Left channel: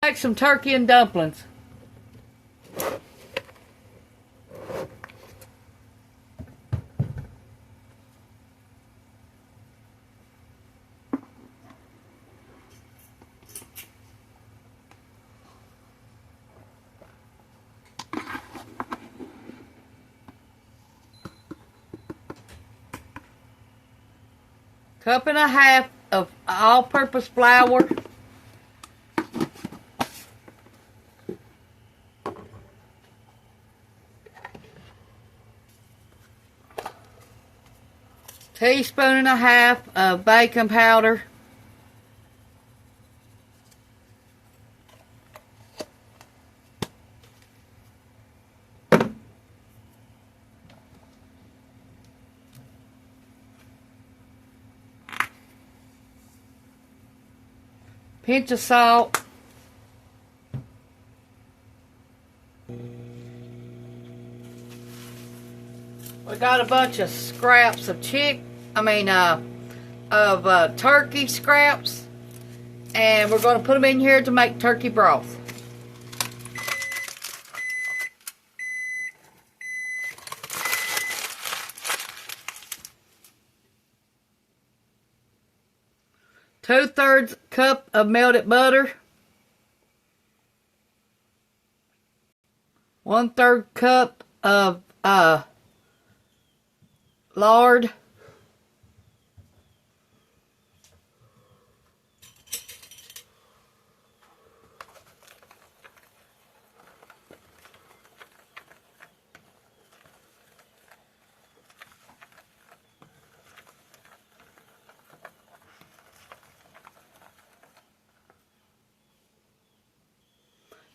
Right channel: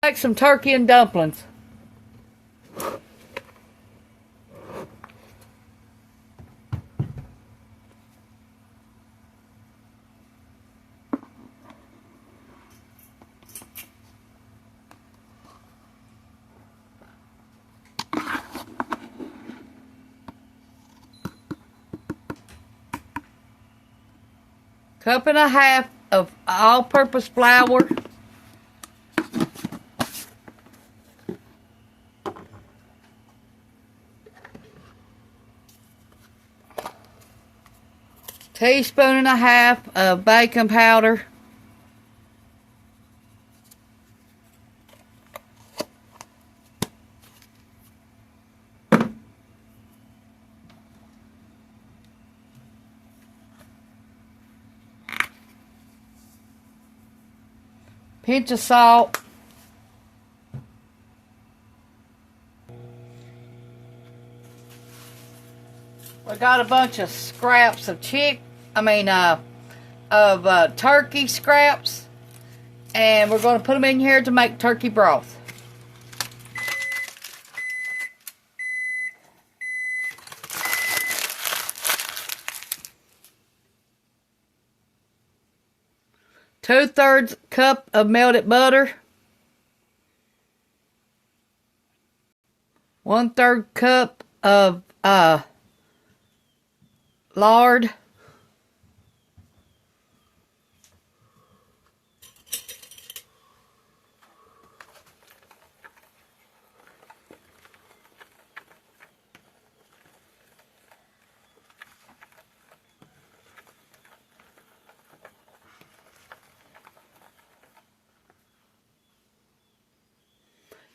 Make some turkey and dumplings. Cup and a half of all-purpose flour. Teaspoon and a half of baking powder. Pinch of salt. We got a bunch of scraps of turkey scraps, and we're going to put them in here to make turkey broth. Two-thirds cup of melted butter. 1/3 cup of lard.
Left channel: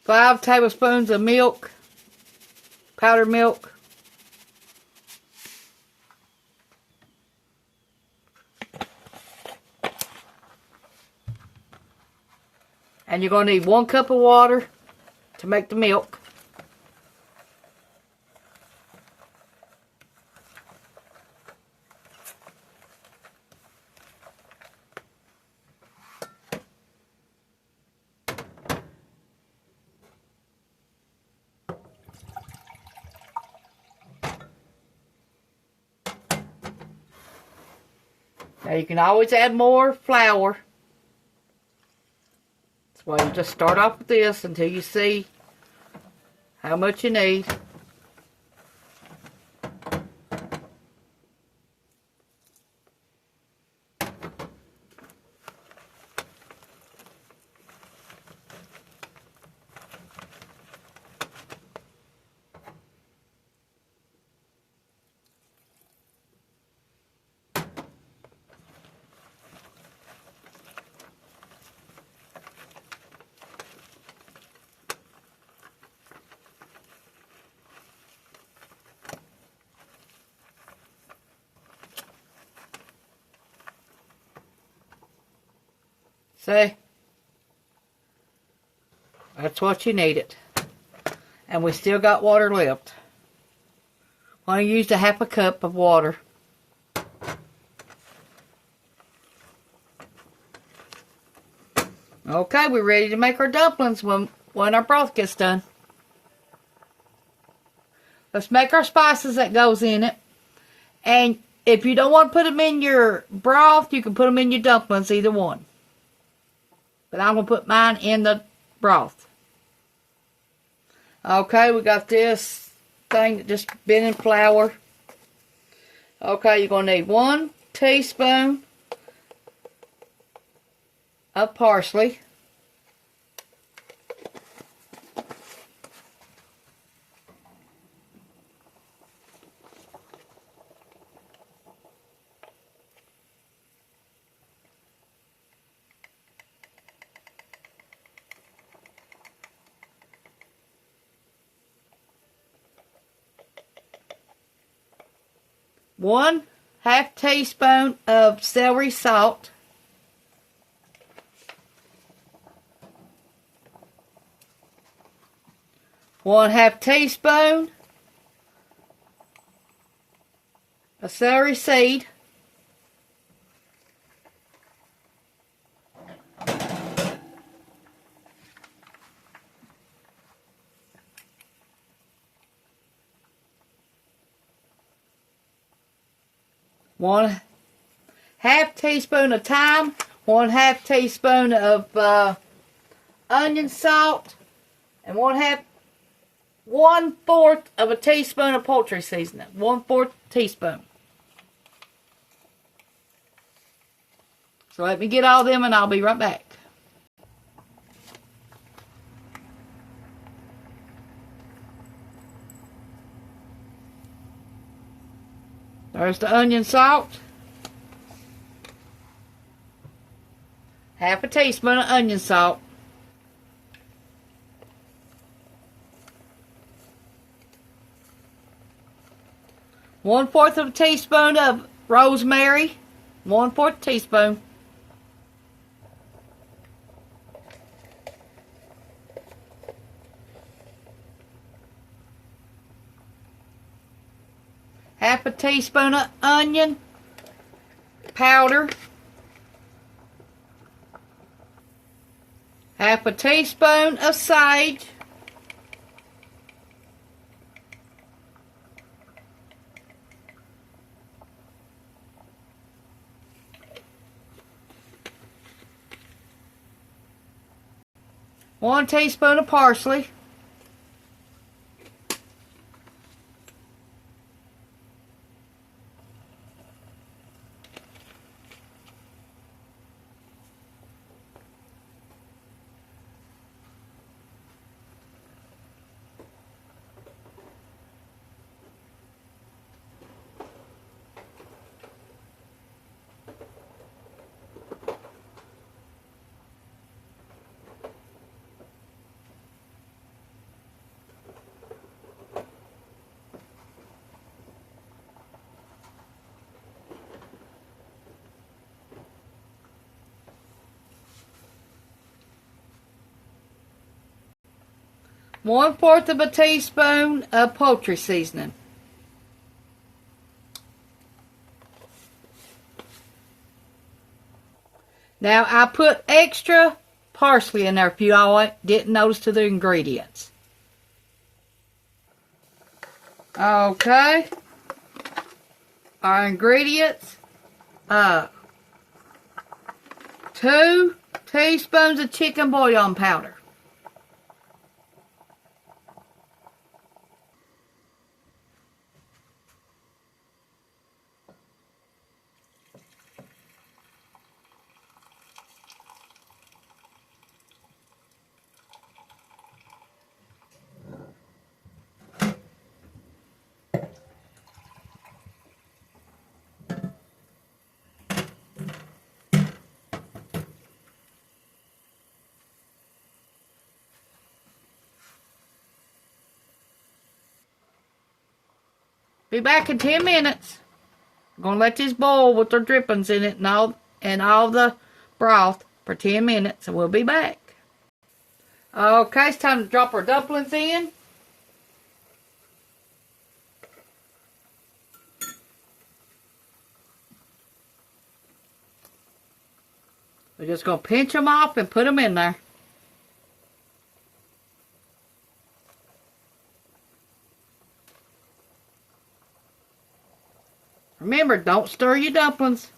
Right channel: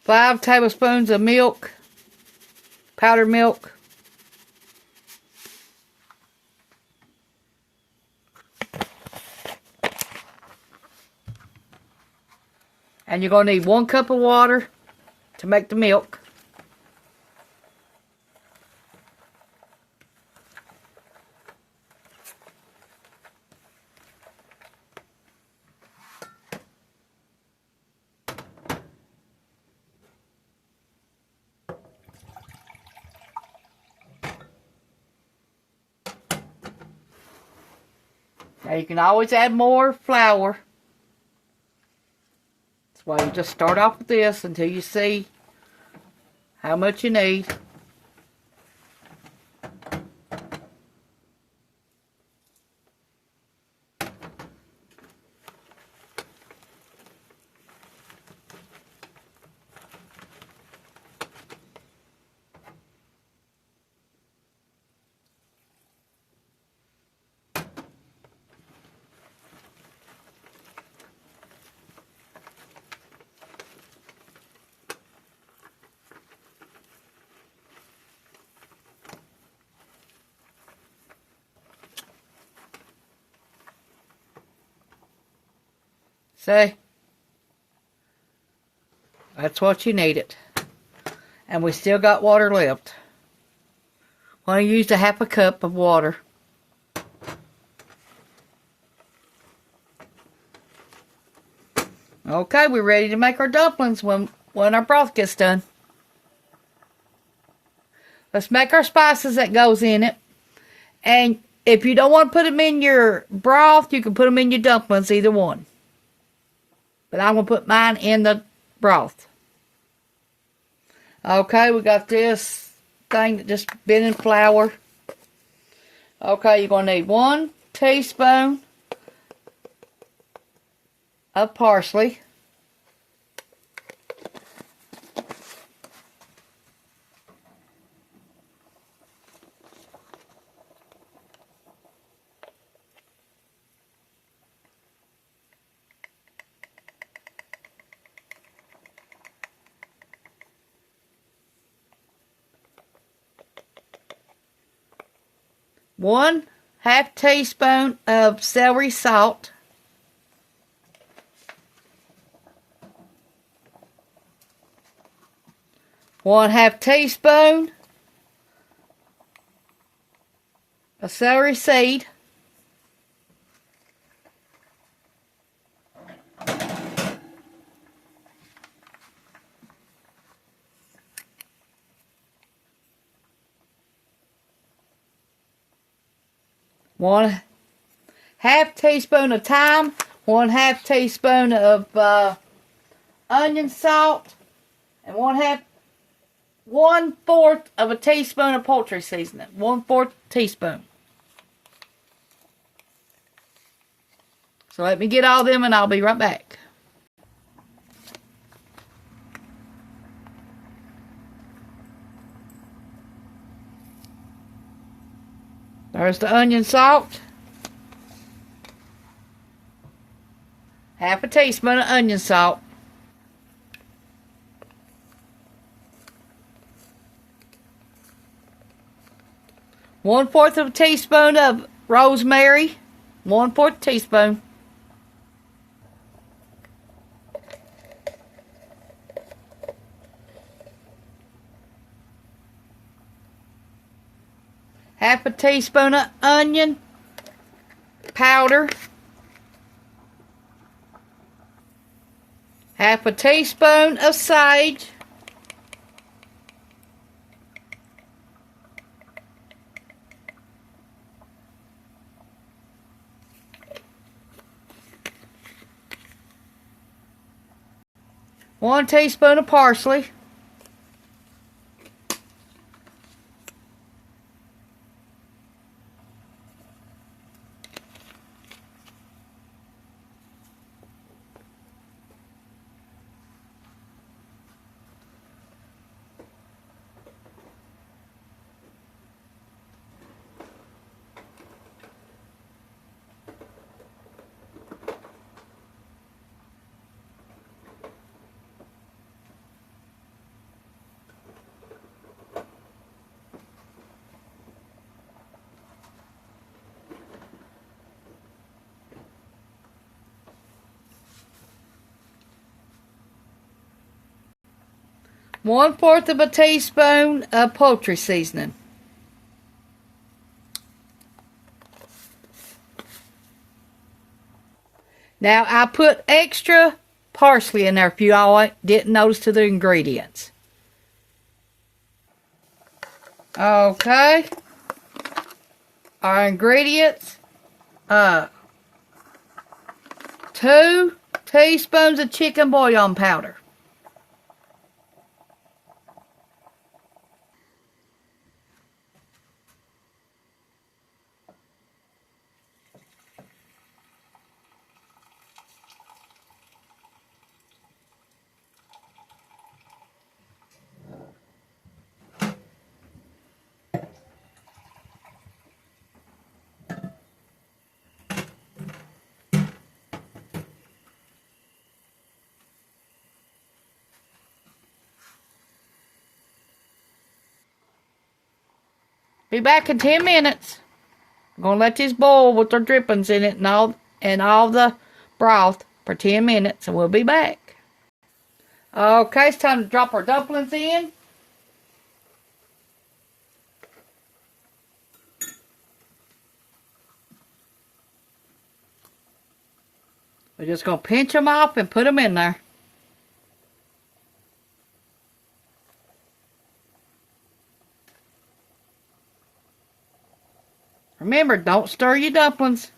Five tablespoons of milk, powdered milk. And you're going to need 1 cup of water to make the milk. Now you can always add more flour. That's why you just start off with this until you see how much you need. See? That's what you needed. And we still got water left. I'm going to use a 1/2 cup of water. Okay, we're ready to make our dumplings when our broth gets done. Let's make our spices that goes in it. And if you don't want to put them in your broth, you can put them in your dumplings, either one. But I'm going to put mine in the broth. Okay, we got this thing that just been in flour. Okay, you're going to need 1 teaspoon of parsley. One 1/2 teaspoon of celery salt. One 1/2 teaspoon of celery seed. 1/2 teaspoon of thyme, 1/2 teaspoon of onion salt, and 1/4 of a teaspoon of poultry seasoning. 1/4 teaspoon. So let me get all them and I'll be right back. There's the onion salt. 1/2 teaspoon of onion salt. 1/4 of a teaspoon of rosemary. 1/4 teaspoon. Half a teaspoon of onion powder. 1/2 a teaspoon of sage. 1 teaspoon of parsley. 1/4 of a teaspoon of poultry seasoning. Now I put extra parsley in there if you all didn't notice to the ingredients. Okay. Our ingredients. 2 teaspoons of chicken bouillon powder. 'Be back in 10 minutes. I'm going to let this boil with the drippings in it and all the broth for 10 minutes, and we'll be back. Okay, it's time to drop our dumplings in. We're just going to pinch them off and put them in there. Remember, don't stir your dumplings.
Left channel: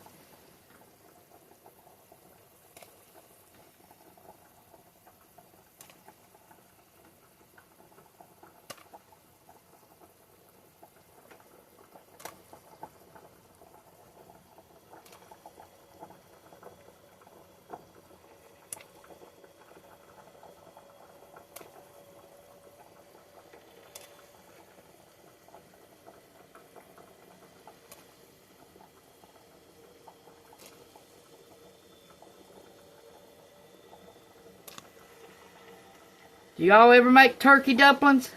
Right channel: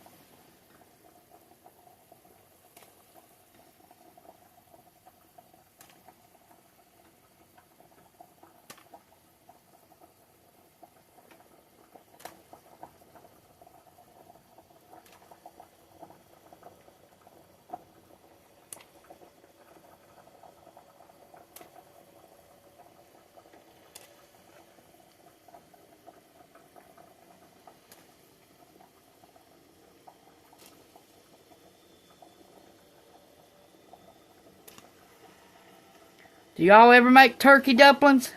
Do y'all ever make turkey dumplings?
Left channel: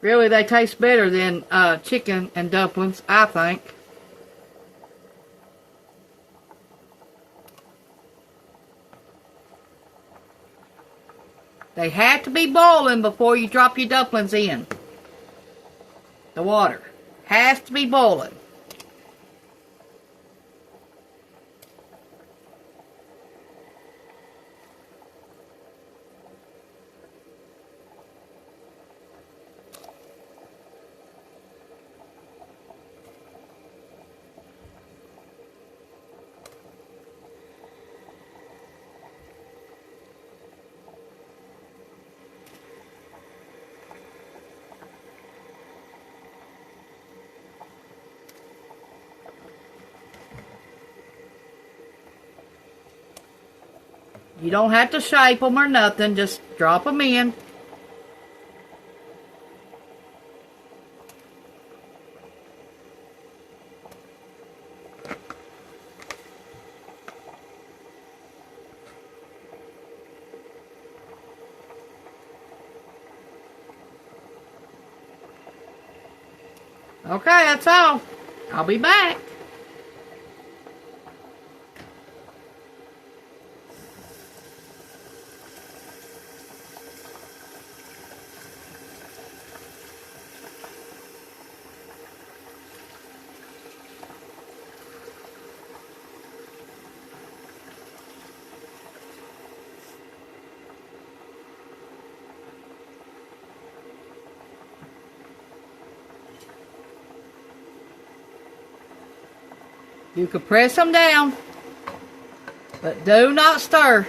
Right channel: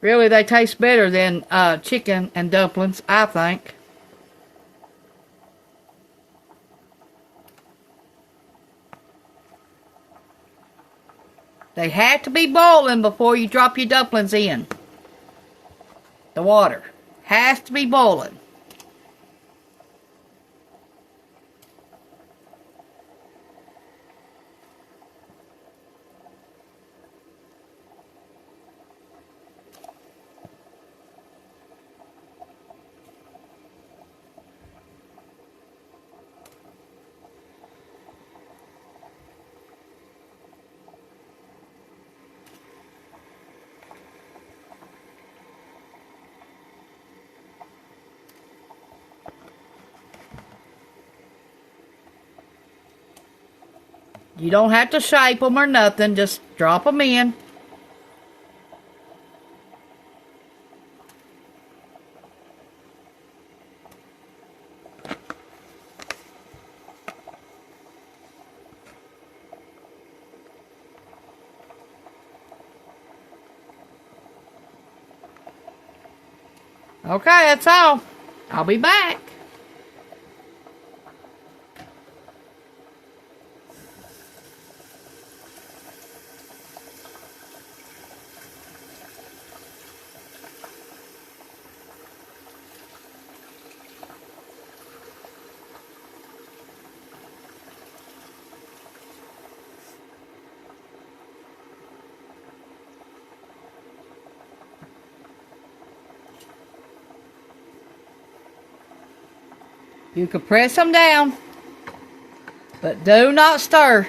Really, they taste better than chicken and dumplings, I think. They have to be boiling before you drop your dumplings in. The water has to be boiling. You don't have to shape them or nothing. Just drop them in. Okay, that's all. I'll be back. You can press them down, but do not stir.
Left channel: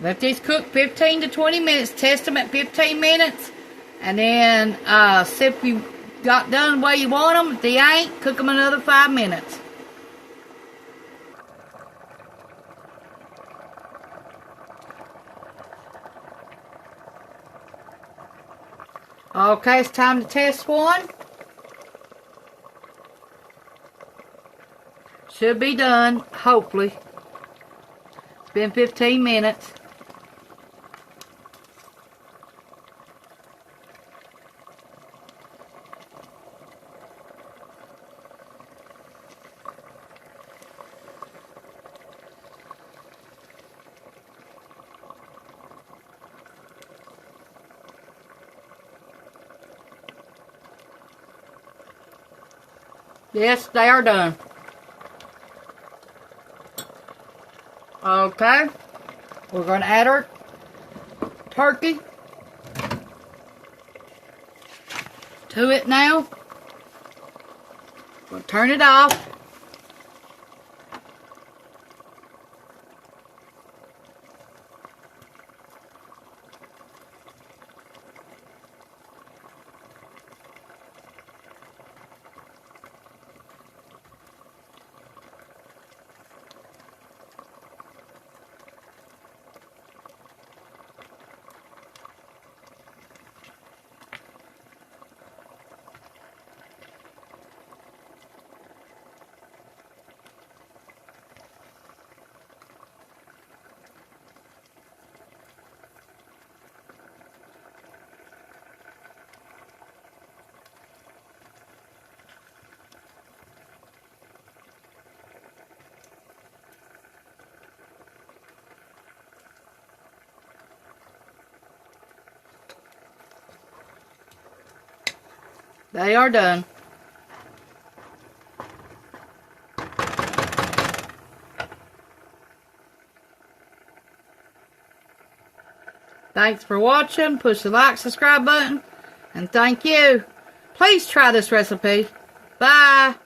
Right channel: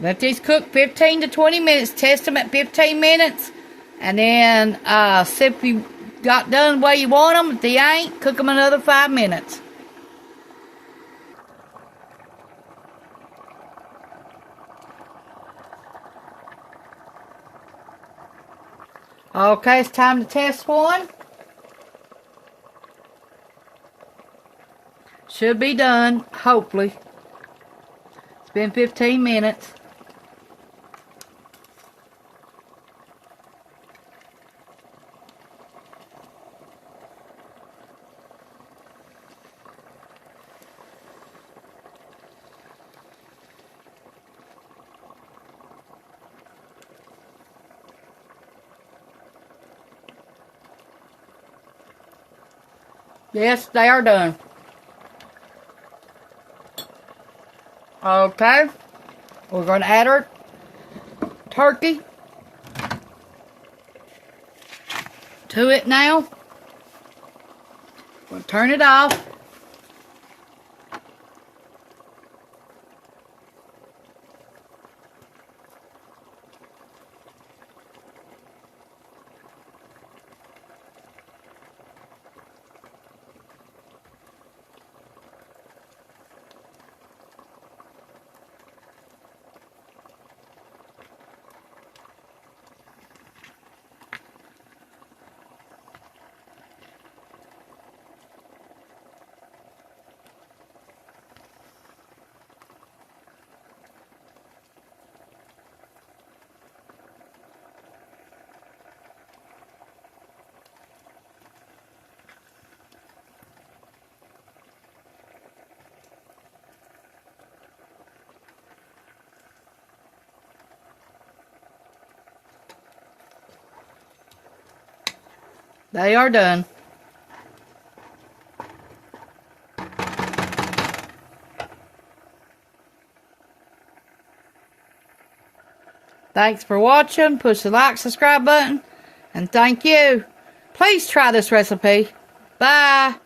Let these cook 15 to 20 minutes. Test them at 15 minutes. And then see if you got done the way you want them. If they ain't, cook them another 5 minutes. Okay, it's time to test one. Should be done, hopefully. It's been 15 minutes. Yes, they are done. Okay, we're going to add our turkey to it now. We'll turn it off. They are done. Thanks for watching. Push the like, subscribe button, and thank you. Please try this recipe. Bye.